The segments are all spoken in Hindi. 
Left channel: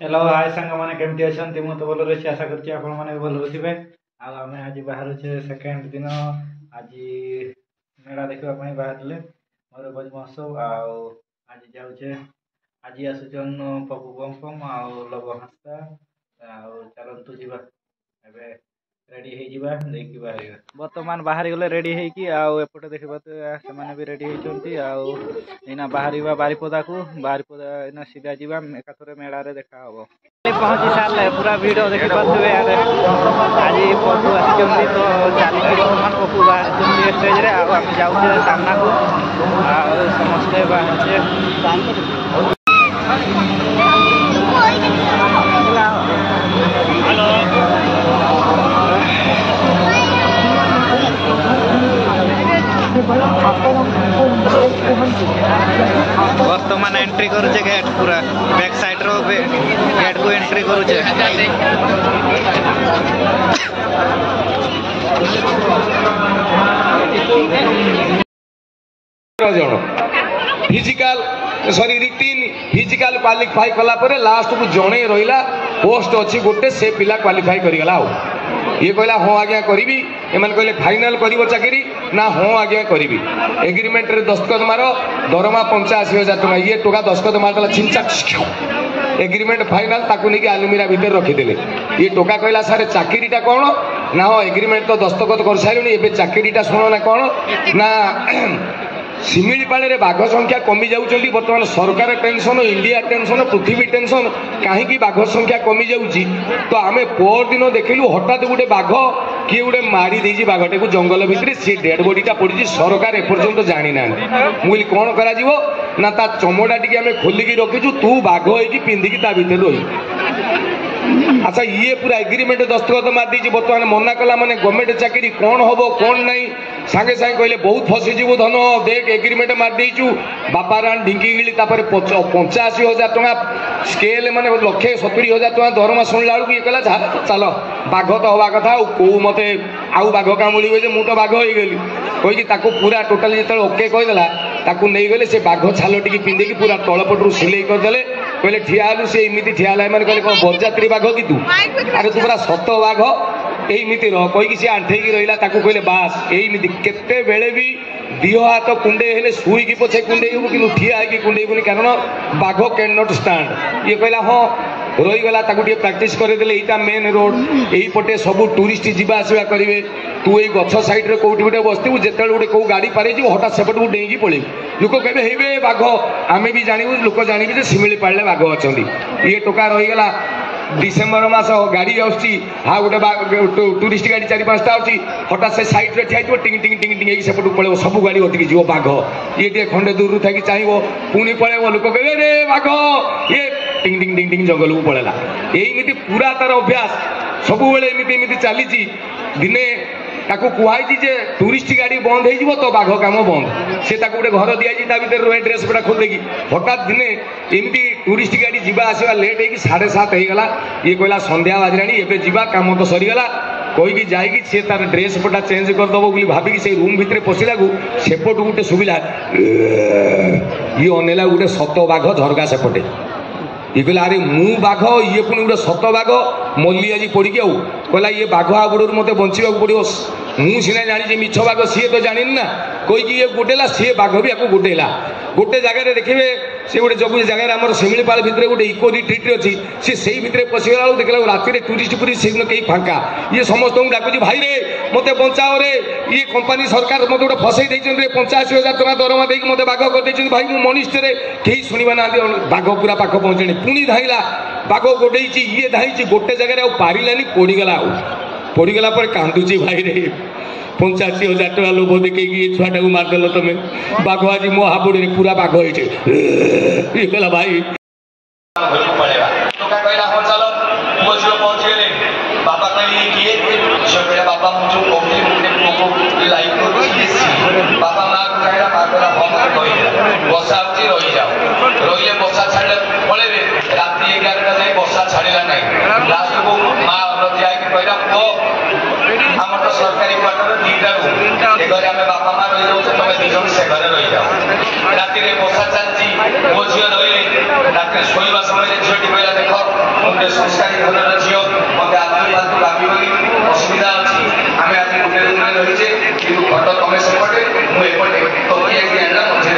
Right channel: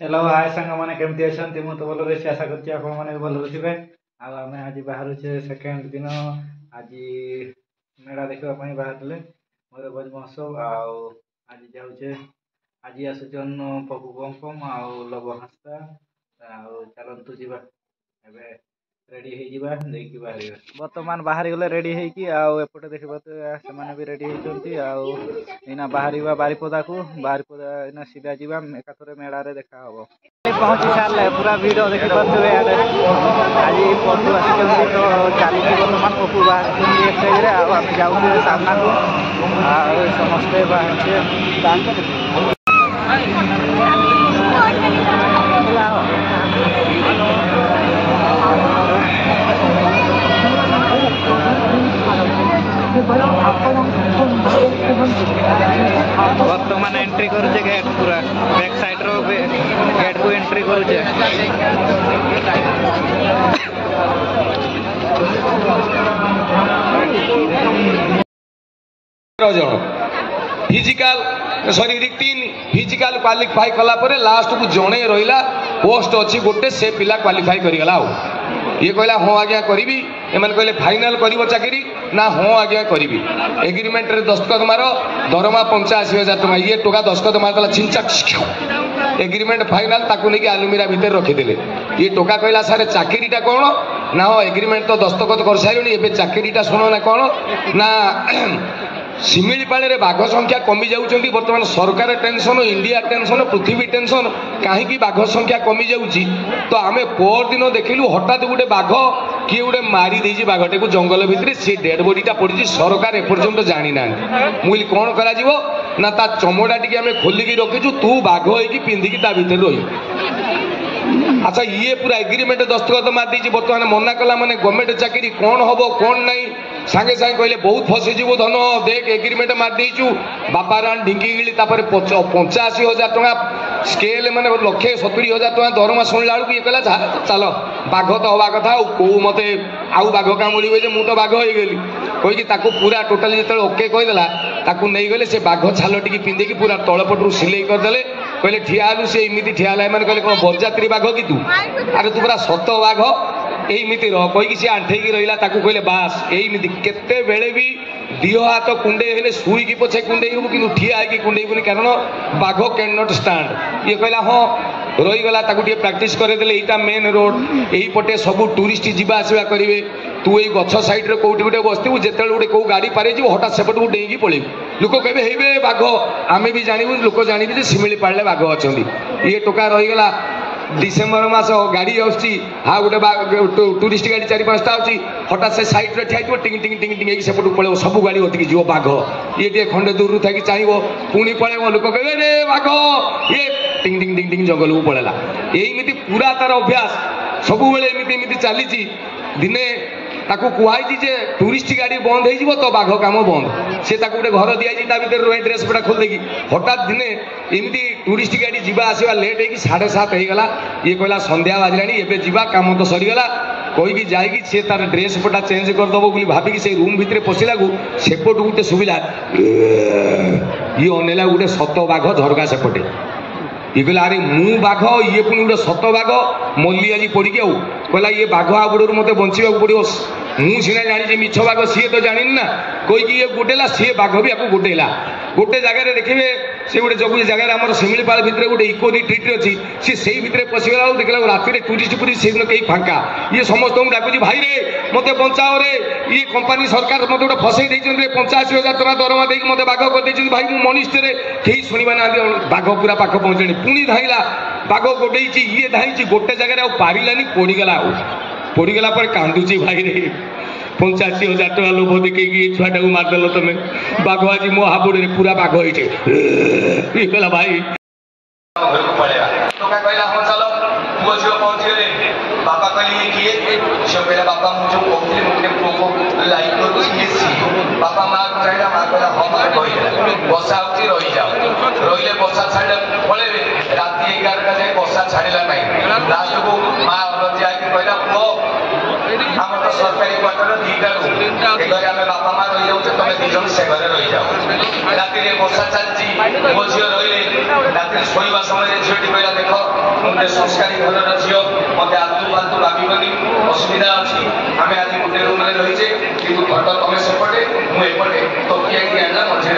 हेलो हाय सांग मैंने केमती अच्छा मुझे तो भल रही आशा करছি ଆପଣ ମାନେ ବି ଭଲରେ ଥିବେ। ଆଉ ଆମେ ଆଜି ବାହାରୁଛେ ସେକେଣ୍ଡ ଦିନ ଆଜି ମେଳା ଦେଖିବା ପାଇଁ ବାହାରିଲେ ମୟୂରଭଞ୍ଜ ମହୋତ୍ସବ। ଆଉ ଆଜି ଯାଉଛେ ଆଜି ଆସୁଛନ୍ ପପୁ ପମ୍ପମ୍ ଆଉ ଲବ ହାସ୍ତା। ଆଉ ଚାଲନ୍ତୁ ଯିବା ଏବେ रेडी ହେଇଯିବା ଦେଇକି ବାହାରିବା। ବର୍ତ୍ତମାନ ବାହାରି ଗଲେ ରେଡି ହେଇକି ଆଉ ଏପଟେ ଦେଖିପାରୁଥିବେ ସେମାନେ ବି ରେଡି ହେଇଛନ୍ତି। ଆଉ ଏଇନା ବାହାରିବା ବାରିପଦାକୁ ବାରିପଦା ଏଇନା ସିଧା ଯିବା ଏକାଥରେ ମେଳାରେ ଦେଖା ହବ। ପହଞ୍ଚି ସାରିଲେ ପୁରା ଭିଡ଼ ଦେଖିପାରୁଥିବେ ଇଆଡ଼େ ଆଜି ପପୁ ଆସିଛନ୍ତି ତ ଚାଲିଛି ବର୍ତ୍ତମାନ ପପୁ ବାହାରିଛନ୍ତି ଷ୍ଟେଜରେ ଆଉ ଆମେ ଯାଉଛେ ସାମ୍ନାକୁ ଆଉ ସମସ୍ତେ ବାହାରିଛେ। वर्तमान एंट्री करुचे गेट पूरा बैक साइड रो गेट को एंट्री करुचे। फिजिकल सॉरी रिटिन फिजिकल क्वालिफाई कला परे लास्ट को जणे रहिला पोस्ट अछि गोटे से पिला क्वालिफाई करि गला। ये कहला हाँ आज्ञा करी एमन कहले फाइनल करिवो चाकरी ना हाँ आज्ञा करी एग्रीमेंट रे दस्तखत मार दरमा 85,000 टका ये टका दस्तखत मारदेला छिंचक एग्रीमेंट फाइनल ताकू नहीं आलुमिरा भितर रखीदे ये टका कहला सारे चाकरीटा कौन ना हाँ एग्रीमेंट तो दस्तखत कर सारे एवं चाकरीटा शुण ना कौन ना शिमिलीपाड़े बाघ संख्या कमी जाऊँगी बर्तमान सरकार टेंशन इंडिया टेंशन पृथ्वी टेंशन कहीं बाघ संख्या कमी जाऊँगी तो आम पर दिन देखलु हठात गोटे बाघ किए गोटे मारी देजी बाघटे को जंगल भितर सी डेड बॉडीटा पड़ी सरकार एपर्यंत जानी ना मुझे कौन करा ना ता चमड़ा टी आम खोलिकी रखीचु तू बाघ होगी पिंधिकी ता भीतर रही। अच्छा ये पूरा एग्रीमेंट दस्तखत मार दी बर्तमान मना कला माने गवर्नमेंट चाकरी कौन हम कौन नहीं सांगे सांगे कहले बहुत फसीजु धन देख एग्रीमेंट मार देचु बापा रान ढिंकी गिली 85,000 टका स्केल माने 1,70,000 टका दरमा शुणला बेलू ये कहला चल बाघ तो हवा कथा कौ मत आउ बाघ कामुड़े मु तो बाघ हो गली कहीकि पूरा टोटाल जो ओके कहीदेला ताकू नहीं गले से बाघ छाल टी पिंधिकी पूरा तलपटू सिले करदे कहले ठिया से एमती ठिया मैंने कहले कौन बरजात्री बाघ कि तू अरे तू पूरा सत बाघ यही रह कहीकि सी आंठेकी रहा कहले बास यही केते बेले भी दिह हाथ कुंडे हेले शुईकी पछे कुंडे हूँ कि ठिया होगी कुंडे कारण बाघ कैन नॉट स्टैंड ये कहला हाँ रहीगला प्राक्ट करदे यहाँ मेन रोड यही पटे सब टूरिस्ट जीवा आसवा करेंगे तू ये गछ साइड कौटी गोटे बसतु जिते गोटे कौ गाड़ी पारे हठात सेपट को डेईकी पड़े लोक कहे हे बाघ आम भी जानू लोक जानवे शिमिलीपाड़े बाघ अच्छा ये टोका रहीगला डिसेम्बर मास गाड़ी आसुची हाँ गोटे टूरिस्ट गाड़ी 4-5टा अच्छी हठात से सैड्रे ठिया टिंग टिंग टिंग टिंग सेपट पड़े सब गाड़ी अटकी जीव बाघ ये खंडे दूर थी चाहब पुणी पड़े लोक कहे रे बाघ ये टिंग टिंग टिंग टिंग जंगल को पड़ेगा यही पूरा तार अभ्यास सब एमती चली दिने ताकू कहुई जे टूरिस्ट गाड़ी बंद हो तो बाघ कम बंद से गोटे घर दिखाई भर ड्रेस पटा खोल देगी हठात दिने एमती टूरिस्ट गाड़ी जीवा आसवा लेट हो 7:30 होगा ये कहला संध्या बाजला एवं जीवा कम तो सरीगला कहीकि जाकि सी तार ड्रेस पटा चेंज करदेव भाविकी से रूम भितर पशिला सेपट गोटे शुविला ये अनेला गोटे सत बाघ झरका सेपटे ये कहला अरे मु बाघ ये पुणी गोटे सत बाघ मल्ली आज पड़िकी आउ कहला ये बाघ आबड़ू मत बचा पड़ो मुझे सीना जानी मिछ बाघ सी तो जानी ना कहीकि ये गोटेला सी बाघ भी आपको गोटेला गोटे जगह देखिए से गोटे जो जगह आम शिमिलीपाल भितर गोटे इको रिट्रीट अच्छी सी से भितर पशिगला देखला राति टूरिस्ट पूरी से कहीं फांका ये समस्त डाकुची भाई रे मत बचाओ रे ये कंपानी सरकार मत गोटे फसई 85,000 टका दरमा देकी मत बाघ कर भाई मु मनिष्ठरे कहीं शुणा ना बाघ पूरा पाख पहुँचे पुणी धाइला बाघ गोटे ये धाई गोटे जगह पारानी पड़गला पड़गला कांदुची भाई रे 85,000 टका लोभ देखी छुआटा को मारदेल तुम बाघ आज मो हाबुड़ पूरा बाघ होगा भाई पड़ेगा हाँ चलो पुओ झील पहुँचीगले बापा कहली किए झील कहला बापा मुझे कहली मुझे पुओ को लाइक करुँ बापा माँ को चाहिए माँ कहला हाँ मत कहीदेला बसा हो रही जाओ रही बसा छाड़े पड़े राति 11टा जाए बसा छाड़ा ना लास्ट को माँ अनति आई कहला पुओ आम तो सरकारी क्वार्टर 2टा रूम ए घरे आम बापा माँ रही जाऊे तुम 2 जन से घरे रही जाओ राति बसा चलती मो झील रही राति शोवा समय झीलटी कहला देख मुझे संस्कारी घर झील मत आदमी बाकी असुविधा अच्छी आम आज गोटे रूम में रही कि घट तुम सेपटे मुझे तकिया की आना मझे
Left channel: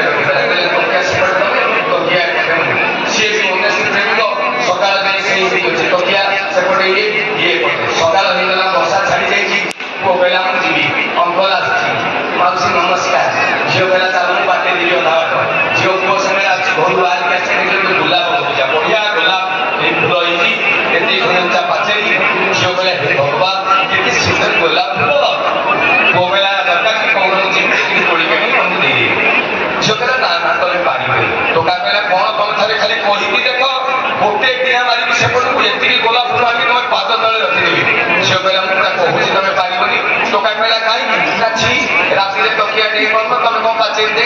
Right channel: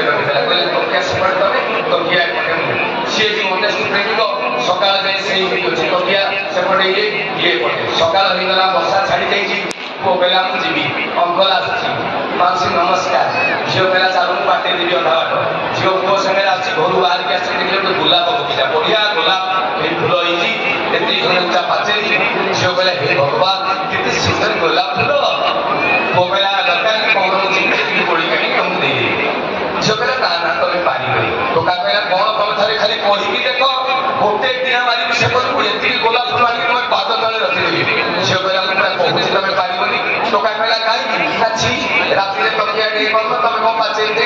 तकिया सेपटे तुम तकिया सी मत प्रेमिक सका तकिया सेपटे ये सका बसा छाड़ी जाइए पुओ कहला जी अंकल आसी नमस्कार झील कहला चालू बाटे देवी अधा बाट झील पुओ सामने आज घर बाहर आस गुलाब बगीचा बढ़िया गोलाप फूल होती घरे उचा पाचेरी झील कहला हे भगवान केते सुंदर गोलाप फूल पुओ कहला दरकार कि कौन मुझे कोड़ी के तुमको दे झील कहला ना ना तुम पार टोका कहला कौन तुम थे खाली पढ़ी देख गोटे टिया मारिक सेपट को ये गोलाप फूल आनी तुम पाद तले रखिदेवी झील कहला मुझे कहूँ तुम पारबनी टोका कहला कहीं राति तकिया नहीं कर तुम कौन पाचेरी दे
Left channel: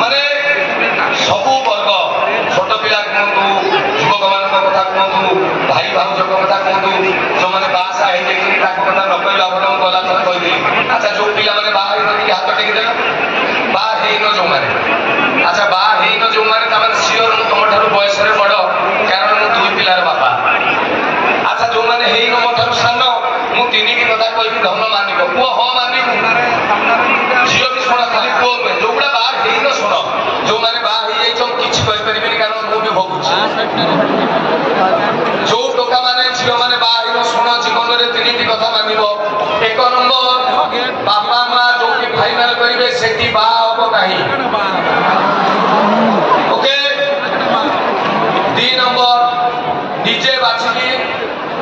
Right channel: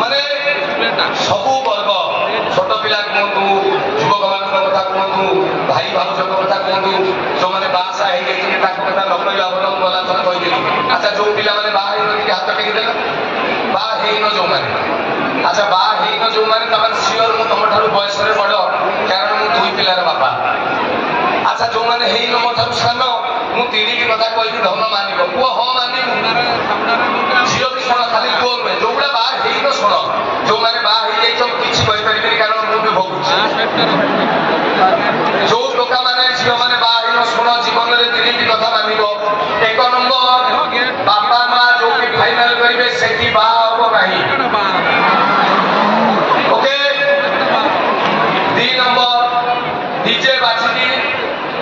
माने सबू वर्ग छोट पिला कहतु युवक मान कथा कहतु भाई भाउज कथा कहतु जो मैंने बासा हो कथा न कहला भल गला थर कही अच्छा जो पिला मैंने बाहर हाथ टेकिदेल बाहर जो मैंने अच्छा बाहर जो मैंने सियोर तुम बयस बड़ कारण मुझे दुई पिलार बापा अच्छा जो मैंने मो सान मुझे कथा कही धन मानिक पुओ हाँ मानिक झील भी शुण खाली पुओ नुहे जो गुड़ा बाहर शुण जो मैंने किसी कहीपरि कारण मुझे भोगुची जो टोका मैंने झील मैंने बाहर शुण जीवन में तीन कथा मान एक नंबर बापा माँ जो फाइनाल करेंगे से बाहर ओके 2 नंबर डीजे बाछी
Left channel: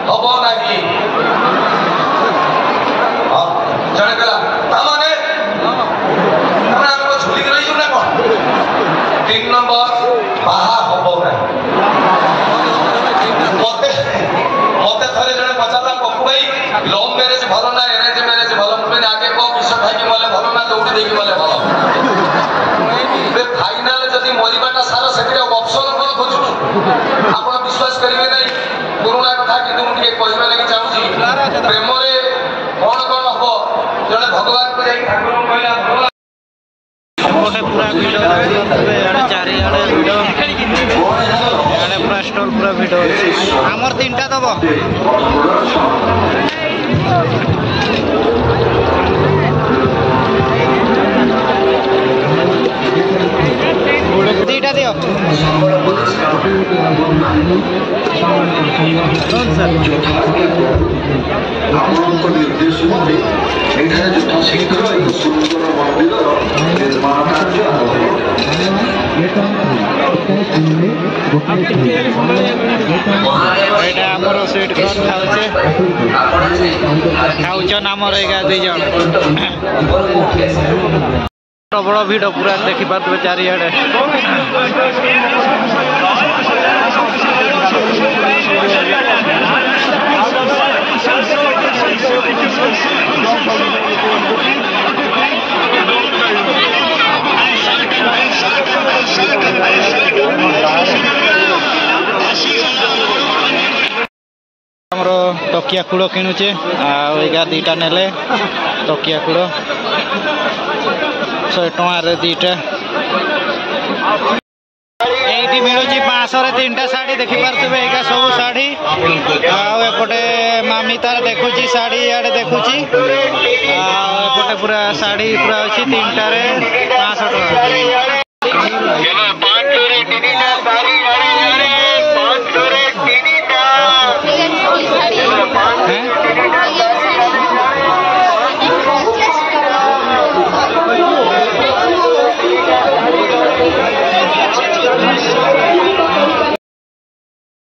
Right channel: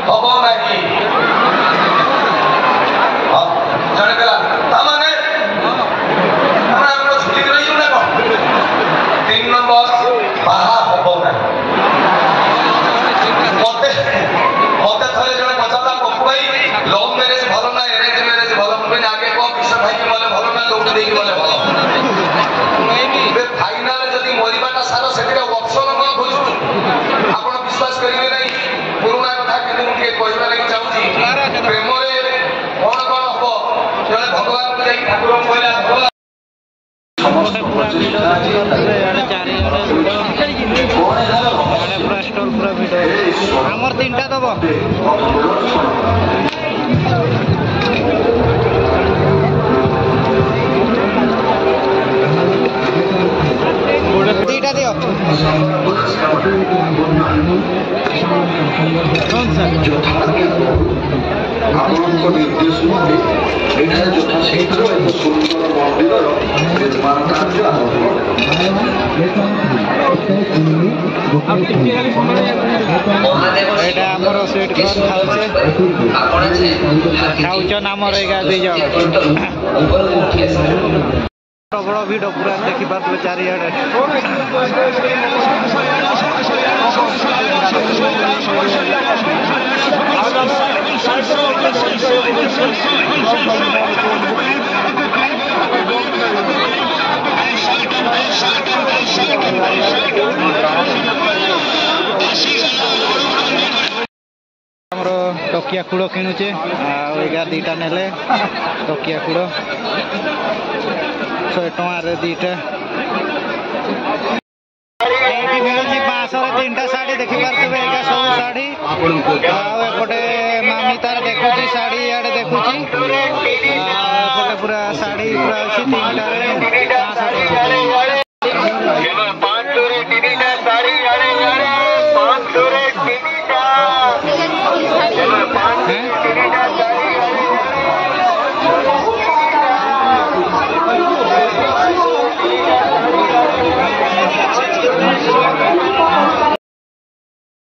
हम नहीं जड़े कहला झुली रही ना कौन 3 नंबर बाहा हम मत थे जन पचारा पप्पू भाई लव मैरेज भल ना एरेंज मैरेज भल मुझे आगे कह विष खाई मले भल ना दौड़ी देकी मले भल फाइनाल जदि मरवाटा सार से ऑप्शन कौन खोजु आप विश्वास करेंगे नहीं पुराणा कथा कि मुझे कहवा लगी चाहूँगी प्रेम कौन कौन हम जड़े भगवान को ठाकुर कहला गोटे पूरा भिड देखिए चारिड़े भिड इे पूरा स्टल पूरा भिड आमर 3टा दब दीटा दियो ଆପଣଙ୍କ ନିର୍ଦ୍ଦେଶ ମତେ ଏଠାରେ ଯଥାଶୀଘ୍ର ଏକ ସୁନ୍ଦର ମନ୍ଦିରର ନିର୍ମାଣ କାର୍ଯ୍ୟ ଆରମ୍ଭ ଏଇଟା ଆମର ସ୍ୱିଟ୍ କର୍ନ ଖାଉଛନ୍ ଆମର ଏଗା 2 ଜଣ प्रबल भिड़ पूरा देखिपे चारिड़े आमर तकिया कूड़ किणुचे आगा 2टा नेले तकिया कूड़ 100 टकर 2टा ये मिलूँ 500 रे 3टा साड़ी देखिपे एका सब शाढ़ी आउपटे मामी तार देखुची साड़ी इे देखुची आउपटे पूरा साड़ी पूरा अच्छी 3टा रे 500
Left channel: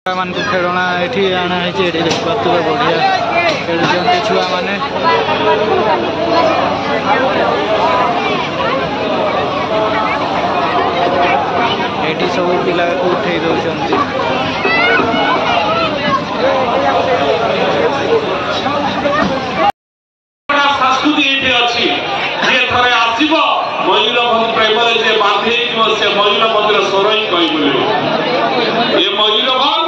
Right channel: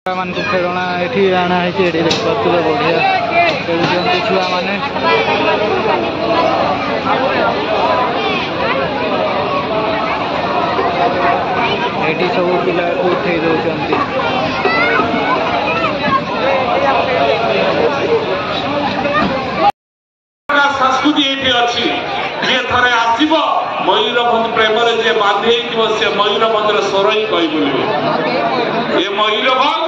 मान को खेलना ये आना है देखिए बढ़िया खेलुंट छुआ मैंने ये सब पिला को उठे दौरान मयूरभंज प्रेम जे बांधे से मयूरभंज सर ही कही ये मयूरभंज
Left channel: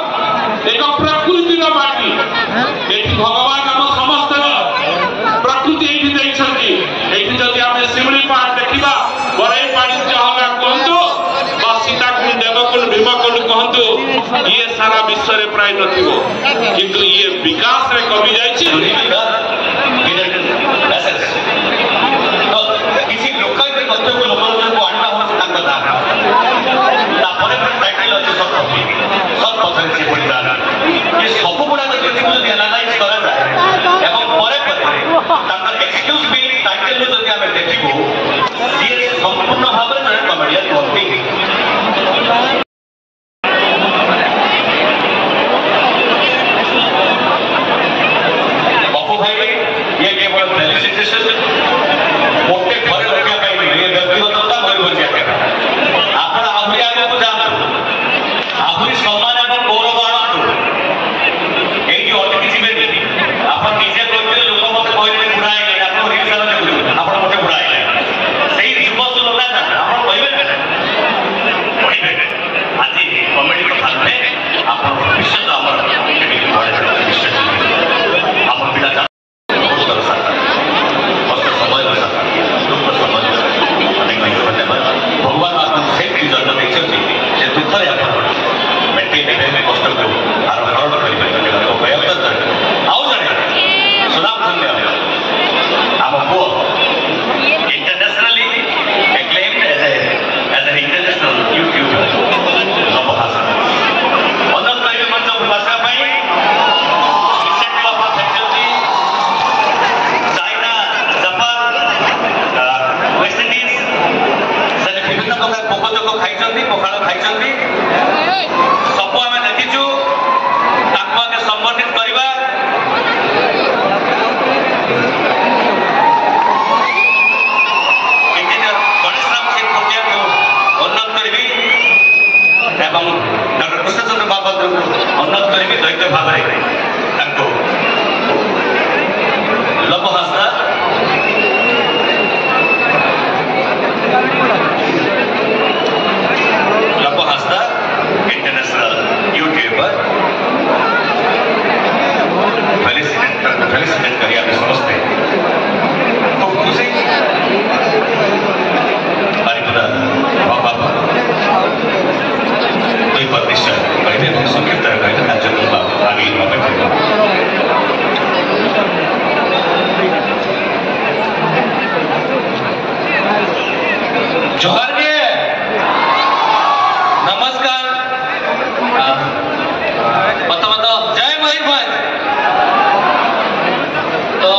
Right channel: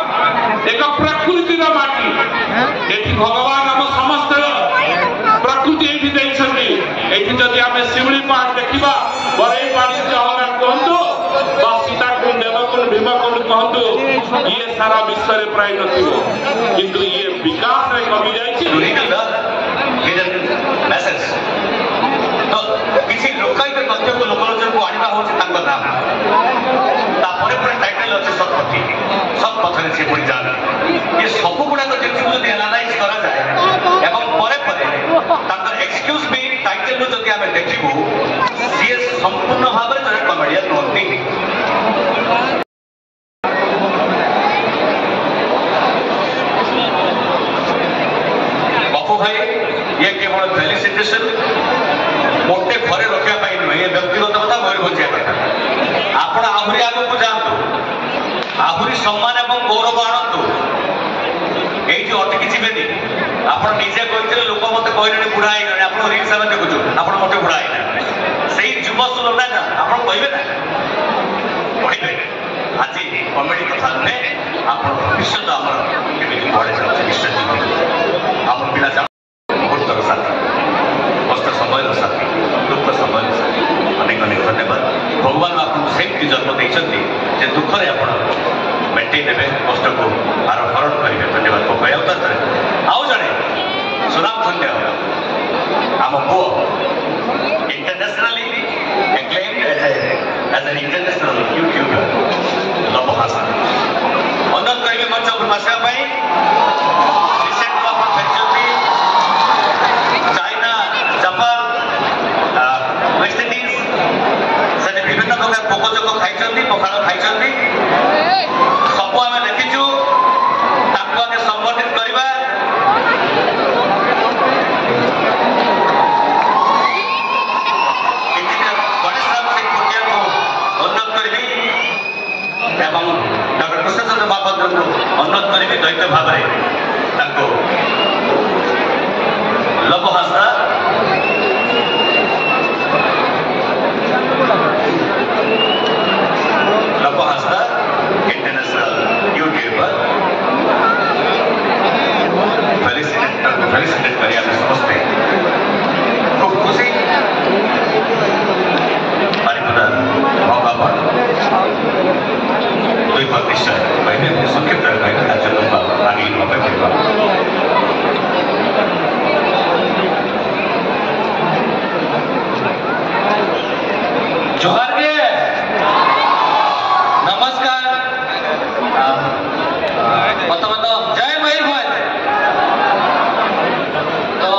एक प्रकृतिर माटी ये भगवान आम समस्त प्रकृति ये जदि आम शिवड़ी पहाड़ देखा बड़े पानी कहतु सीताकुंड देवकुंड भीमकुंड कहतु ये सारा विश्व में प्राय नथिबो किंतु ये विकास रे कमी जायछि मैसेज तो किसी लोकल तथ्य को लोकलोचन को आना हो तांकर नाम तापर टाइटल अच्छे सब पथरे से पड़ जाना ये सब गुड़ाक जो एनालाइज करा जाए एवं परे परे तांकर एक्सक्यूज भी टाइटल में जदि आमे देखिबो ये संपूर्ण भाव में जने कमेडियन होती बापू भाई ये केवल फेलिसिटेशन मोटे घरे रखा पाई ये व्यक्तिगत मयूरभंजिया आपण आहरी आगे को जातु आहरी सम्मान एवं गौरव आणतु ये अटकी जीवे आप निजे कहते लोक मत कहले बुढ़ा है आप रिक्सा देखु आप मत बुढ़ा है से युव सुलभ ना आप कहबे ना कहबे आज कमेडी कथा नुहे आप भविष्य आमर बड़े बड़े आप पिला बहुत साथ कष्ट समय दुख समय अनेक अनेक धन्यवाद भगवान आपको से जन्म देखते से दुख मेटे देवे कष्ट को आर हरण करेंगे धन्यवाद कहता आउ जड़े सुनाम धन्य आम पु internationally acclaimed as an international YouTuber नवभाषा अनुरोध करेंगे मंच पर भाषा चाइना जापान वेस्ट इंडीज से विभिन्न प्रकार पोकजोक खाई पखाड़ खाई सबू आम देखीचु आगे संगठित करवा गणेश राम सिंह कुटिया को अनुरोध करी एवं डॉक्टर कृष्णचंद्र महापात्र को अनुरोध करी दैत्य भाव लोक भाषा इंटरनेशनल यूट्यूबर फेलिसिटेट करिया समस्ते खूब खुशी बाबा दुई पद निश्चय कहते संक्षिप्त कहते राज्य आगे जोहार के नमस्कार जय मयूरभंज तो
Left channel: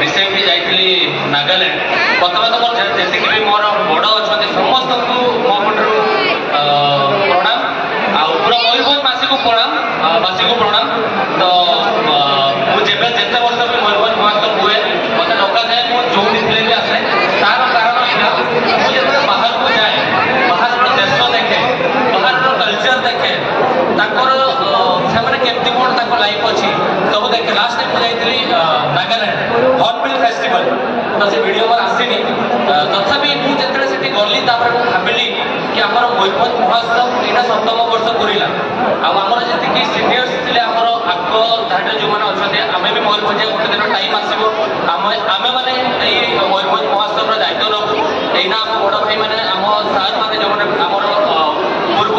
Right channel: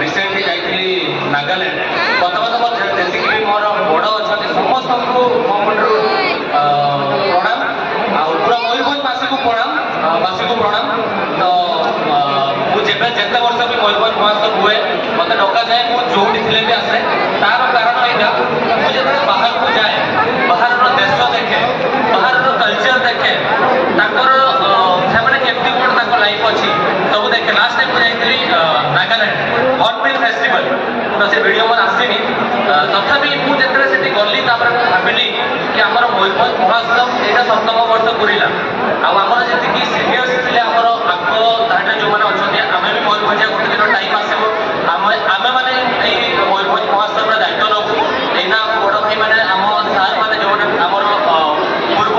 रिसेंटली जाइली नागालैंड प्रथम जी भी मोर बड़ अच्छा समस्त को मो पटू प्रणाम आ पूरा मयूरभंजवासी को प्रणाम तो मुझे जिते वर्ष भी मयूरभंज महोत्सव हुए मत डका जाए मुझे थे भी आसे तार कारण यहाँ मुझे बाहर को जाए बाहर देश देखे बाहर कल्चर देखे केमती कौन लाइफ अच्छी सब देखे लास्ट टाइम मुझे नागालैंड हॉर्नबिल फेस्टिवल तो से वीडियो पर आसनी तथापि मुझे से गली भाविली कि आम मयूरभंज महोत्सव यहाँ 7म वर्ष पूरा आमर जी सिनियर्स थे आम आग धाड़े जो मैंने अच्छा आम भी मयूरभंजिया गोटे दिन टाइम आसो आम मैंने मयूरभंज महोत्सव दायित्व नबू यहाँ बड़ भाई मैंने आम सार मैंने जो आमर पूर्व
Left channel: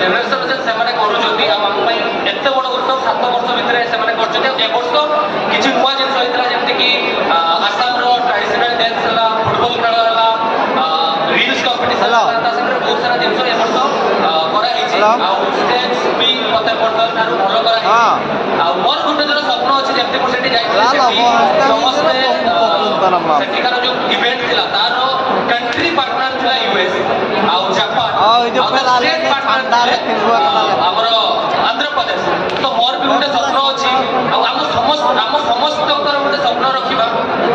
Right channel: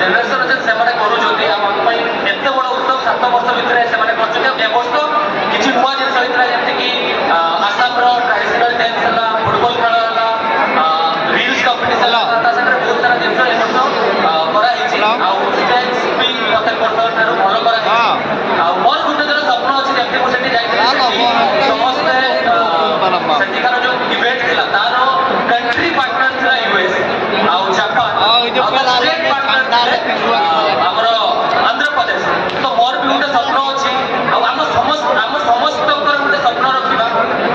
जेनेरेशन से एत बड़ उत्सव 7 वर्ष भितर से वर्ष किसी नुआ जिन होता जमीक आसाम ट्रेडिशनल डांस है फुटबॉल खेल है रील्स कंपिटिशन बहुत सारा जिन स्टेज भी प्रत्येक वर्ष ठार भल कर मोर गोटे दिन स्वप्न अच्छे जमी मुझे जाइए समस्ते सेठिकार जो इवेंट था तार कंट्री पार्टनर था यूएस आउ जापान स्टेट पार्टनर थे आमर आंध्र प्रदेश तो मोर भी गोटे स्वप्न अच्छी आम समस्त गोटे स्वप्न रखा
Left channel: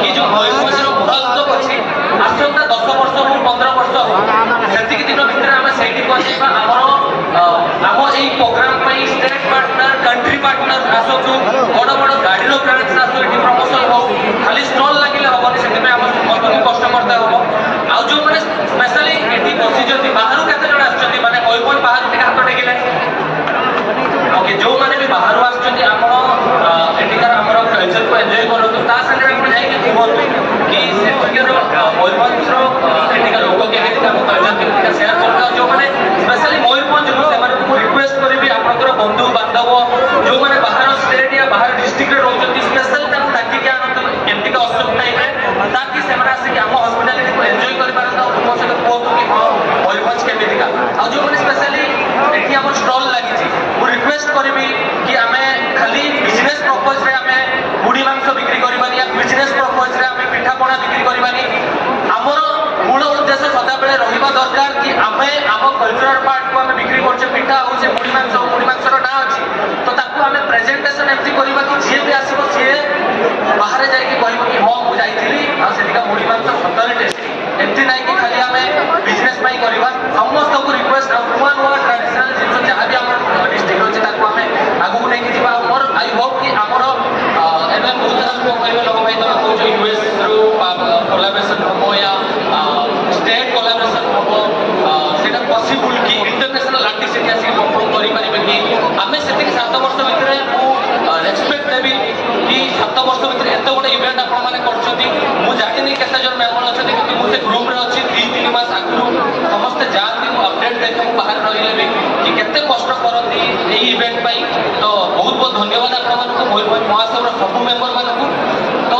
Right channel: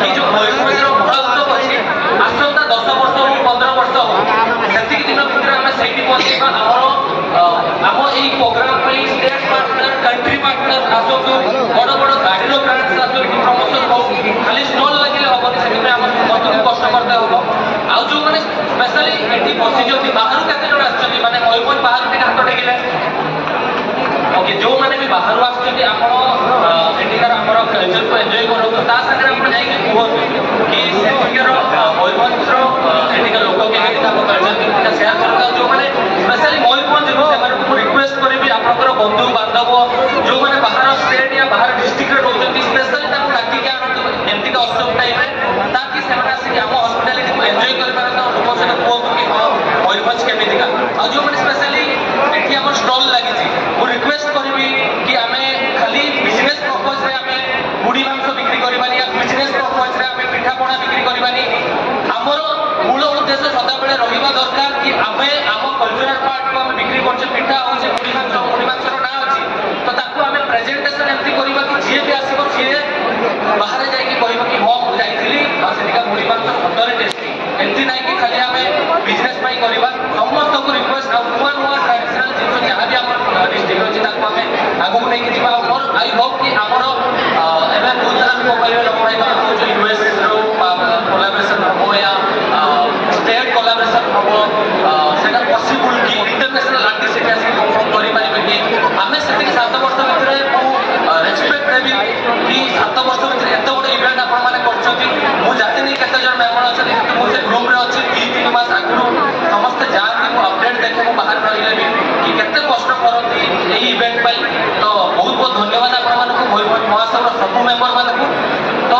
कि जो मयूरभंज महोत्सव अच्छी आसंता 10 वर्ष हो 15 वर्ष हो से दिन भितर आम से पहुंचा आम यही program state partner country partner आसतु बड़ बड़ गाड़ी ब्रांच आसो ये प्रमोशन हो खाली स्टल लगे हेनी से समस्त कस्टमर हम आउ जो मैंने स्पेशली ये बसी बाहर केते जन आसछन्ती माने मयूरभंज बाहर टिके हाथ टेकिले ओके जो मैंने भी बाहर आसछन्ती आपण एटिकार हमर कल्चर को एन्जॉय करतो ता संगे आपण जाई कि कहबो कि सेटिकर मयूरभंज ଆଉ ଯେଉଁମାନେ ସ୍ପେଶାଲି ଏଠି ଆମର ଷ୍ଟଲ୍ ଲାଗିଛି ମୁଁ ରିକ୍ୱେଷ୍ଟ କରିବି କି ଆମେ ଖାଲି ବିଜନେସ୍ ପ୍ରପୋଜରେ ଆମେ ମୁଢ଼ି ମାଂସ ବିକ୍ରି କରିବାନି ୟା ବିଜନେସ୍ ପ୍ରପୋଜରେ ଆମେ ପିଠାପଣା ବିକ୍ରି କରିବାନି ଆମର ମୂଳ ଉଦ୍ଦେଶ୍ୟ ସଦାବେଳେ ରହିବା ଦରକାର କି ଆମେ ଆମ କଲଚରାଲ ପାର୍ଟକୁ ଆମେ ବିକ୍ରି କରୁଛେ ପିଠା ହଉଛି ମୁଢ଼ି ମାଂସର ନାଁ ଅଛି ତ ତାକୁ ଆମେ ପ୍ରେଜେଣ୍ଟେସନ ଏମିତି କରିବା କି ଯିଏ ବି ଆସିବ ସିଏ ବାହାରେ ଯାଇକି କହିବ କି ହଁ ମୁଁ ଯାଇଥିଲି ଆଉ ସେଠିକା ମୁଢ଼ି ମାଂସ ସତରେ ଟେଷ୍ଟି ଏମିତି ନାହିଁ କି ଖାଲି ଆମେ ବିଜନେସ୍ ପାଇଁ କରିବା ସମସ୍ତଙ୍କୁ ରିକ୍ୱେଷ୍ଟ ଆଉ ନୂଆ ନୂଆ ଟ୍ରାଡିସନାଲ ଜିନିଷ ଯାହା ବି ଆମର ଡିଷ୍ଟ୍ରିକ୍ଟ ଅଛି ତାକୁ ଆମେ ଆଗକୁ ନେଇକି ଯିବା ଆଉ ମୋର ଆଇ ହୋପ୍ କି ଆମର ଏବେ ବହୁତ ସାରା ଲୋକ କହିବେ ଲୋକ ଭାଇ ତମେ କହୁଛ ୟୁଏସ୍ରୁ କୋଲାବରେସନ ହବ ୟା ଷ୍ଟେଟ୍ କୋଲାବରେସନ ହବ ସେଇଟା ପସିବୁଲ କି ଇଣ୍ଟରନ୍ୟାସନାଲ ଆର୍ଟିଷ୍ଟ ସେଠି ଆସିକି ପରଫର୍ମ କରିପାରିବେ କି ଆମେ ସେତିକି 7 ବର୍ଷ ଭିତରେ ମୁଁ ରେସ୍ପେକ୍ଟ ଦେବି କି 7 ବର୍ଷ ଭିତରେ ଏତେ ଗୋଟେ ଇଭେଣ୍ଟ ଆପଣମାନେ କରୁଛନ୍ତି ମୁଁ ଜାଣିନି କେତେ ଜଣ ମେମ୍ବର ଅଛନ୍ତି କିନ୍ତୁ ମୁଁ ସେ ଗ୍ରୁପରେ ଅଛି 2-3 ମାସ ଆଗରୁ ସମସ୍ତେ ଯାଆନ୍ତି ମୁଁ ଅପଡେଟ୍ ଦେଖେ ମୁଁ ବାହାରେ ରହିଲେ ବି କି କେତେ କଷ୍ଟ କରନ୍ତି ଏହି ଇଭେଣ୍ଟ ପାଇଁ ତ ବହୁତ ବହୁତ ଧନ୍ୟବାଦ ଆପଣମାନଙ୍କୁ ମୟୂରଭଞ୍ଜ ମହାସଭର ସବୁ ମେମ୍ବର ମାନଙ୍କୁ ତ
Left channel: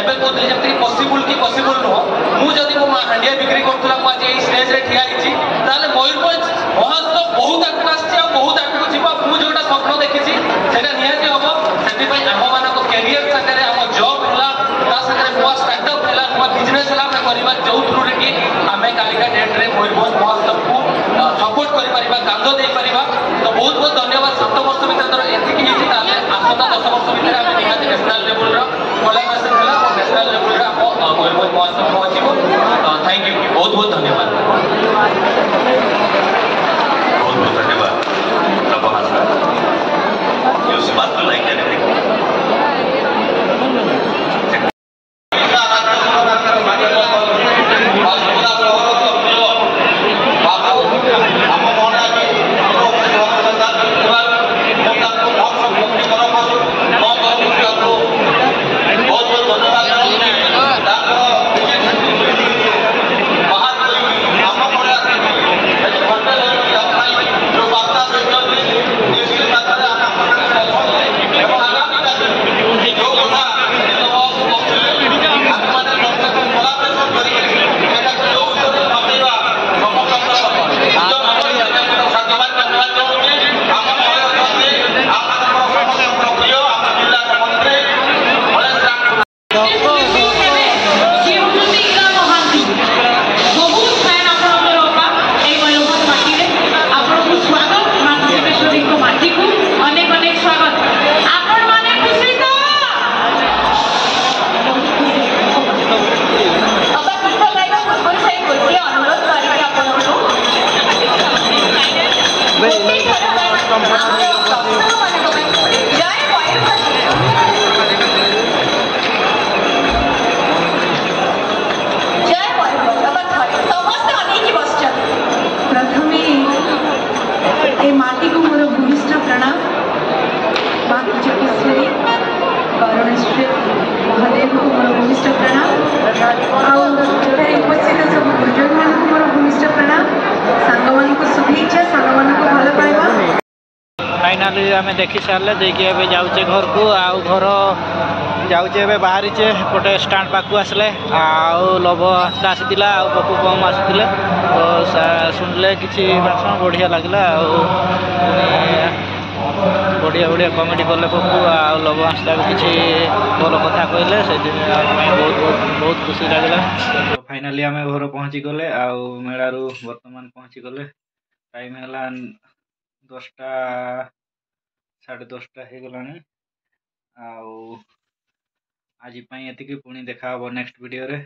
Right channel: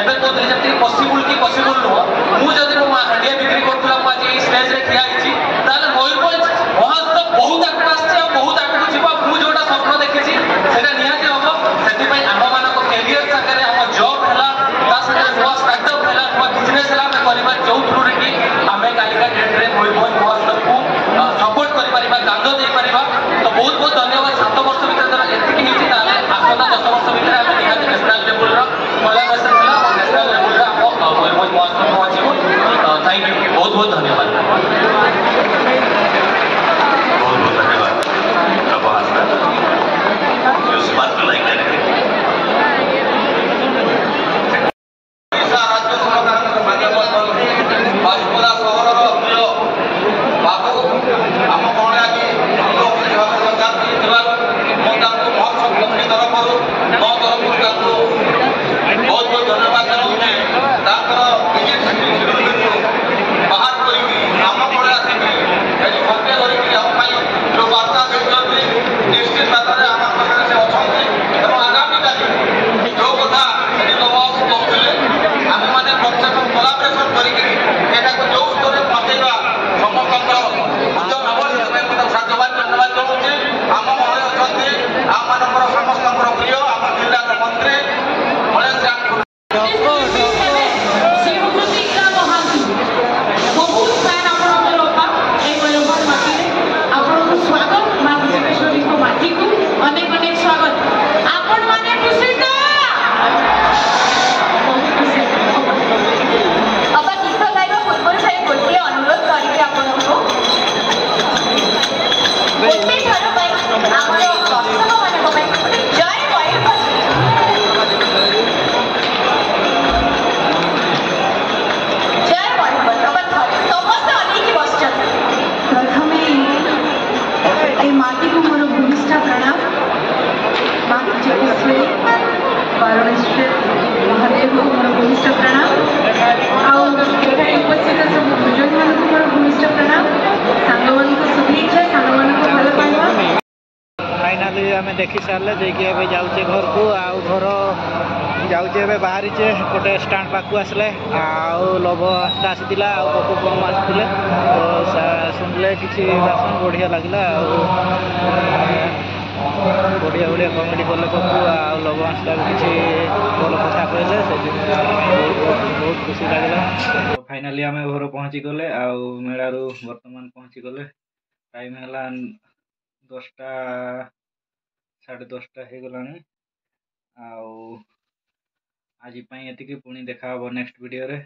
ଏବେ କହୁଥିଲି ଯେମିତି ପସିବୁଲ କି ପସିବୁଲ ନୁହଁ ମୁଁ ଯଦି ମୋ ହାଣ୍ଡିଆ ବିକ୍ରି କରୁଥିଲା ମୁଁ ଆଜି ଏଇ ଷ୍ଟେଜରେ ଠିଆ ହେଇଛି ତାହେଲେ ମୟୂରଭଞ୍ଜ ମହାସଭ ବହୁତ ଆଗକୁ ଆସିଛି ଆଉ ବହୁତ ଆଗକୁ ଯିବ ମୁଁ ଯୋଉଟା ସ୍ୱପ୍ନ ଦେଖିଛି ସେଇଟା ନିହାତି ହବ ସେଥିପାଇଁ ଆମମାନଙ୍କ କ୍ୟାରିୟର ସାଙ୍ଗରେ ଆମ ଜବ୍ ହେଲା ତା ସାଙ୍ଗରେ ନୂଆ ଷ୍ଟାର୍ଟଅପ୍ ହେଲା ନୂଆ ବିଜନେସ୍ ହେଲା ଆମେ କରିବା ଯୋଉ ଥ୍ରୁରେ କି ଆମେ କାଲିକା ଡେଟ୍ରେ ମୟୂରଭଞ୍ଜ ମହୋତ୍ସବକୁ ସପୋର୍ଟ କରିପାରିବା କାନ୍ଦ ଦେଇପାରିବା ତ ବହୁତ ବହୁତ ଧନ୍ୟବାଦ 7 ବର୍ଷ ଭିତରେ ଧର ଏତିକି ହେଇଛି ତାହେଲେ ଆସନ୍ତା 10 ବର୍ଷ ଭିତରେ ଆମେ ନିହାତି ନ୍ୟାସନାଲ ଲେବୁଲର କୋଲାବରେସନ ହେଲା ଆଉ ନ୍ୟାସନାଲ ଲେବୁଲରେ ଆମ ମୟୂରଭଞ୍ଜ ମହୋତ୍ସବ ପହଞ୍ଚିବ ଥ୍ୟାଙ୍କ ୟୁ ବହୁତ ବହୁତ ଧନ୍ୟବାଦ बहुत बहुत धन्यवाद प्रभात यू स्पार्क लाइक एनीथिंग राज्य सरकार माध्यम बाजपुरा सहर प्रिय बाबू आम महाराजी सरकार महोत्सव कमिटी तरफ मो तरफ बहुत बहुत धन्यवाद बाहर करी आम पड़े आसिक घंटे धरिकी आम जो बार्ता देते निश्चित मात्रा आम पाखे अच्छे और आगामी काली जो कथा आम मैंने कोलाबरेसन करके जो उत्तर बतेगा समस्त साधुवाद धन्यवाद चाहूँगी आम घरे अच्छे आम समस्त प्रिय आम जिलार मंत्री महेश राम माटी को मोर भूमिष्ठा प्रणाम माँ किचकेश्वरी परमेश्वर महादेव को मोर भूमिष्ठा प्रणाम आए उपस्थित सब गुरुजन मान को मोर भूमिष्ठा प्रणाम सांग मान को शुभेच्छा सांग मान को भल पाइबा फाइनाली आम देखी सारे देखिए जाऊे घर को आउ घर जाऊे बाहरीचे गोटे स्टाण पाखु आसले आउ लभ आसीला पपू कम आसते तो शुणिले किसी भाषण बढ़िया लगला बढ़िया बढ़िया कमेडी कले पपू आउ लभ आसला भी किसी भल कथा कहले से बहुत बहुत खुशी लगला तो फाइनाली आम घर पहुँची गले आउ मेलारू बर्तमान पहुँची गले टाइम है 10टा 10:30 हो गला आज एतिकी पुणी देखा नेक्स्ट वीडियो रे।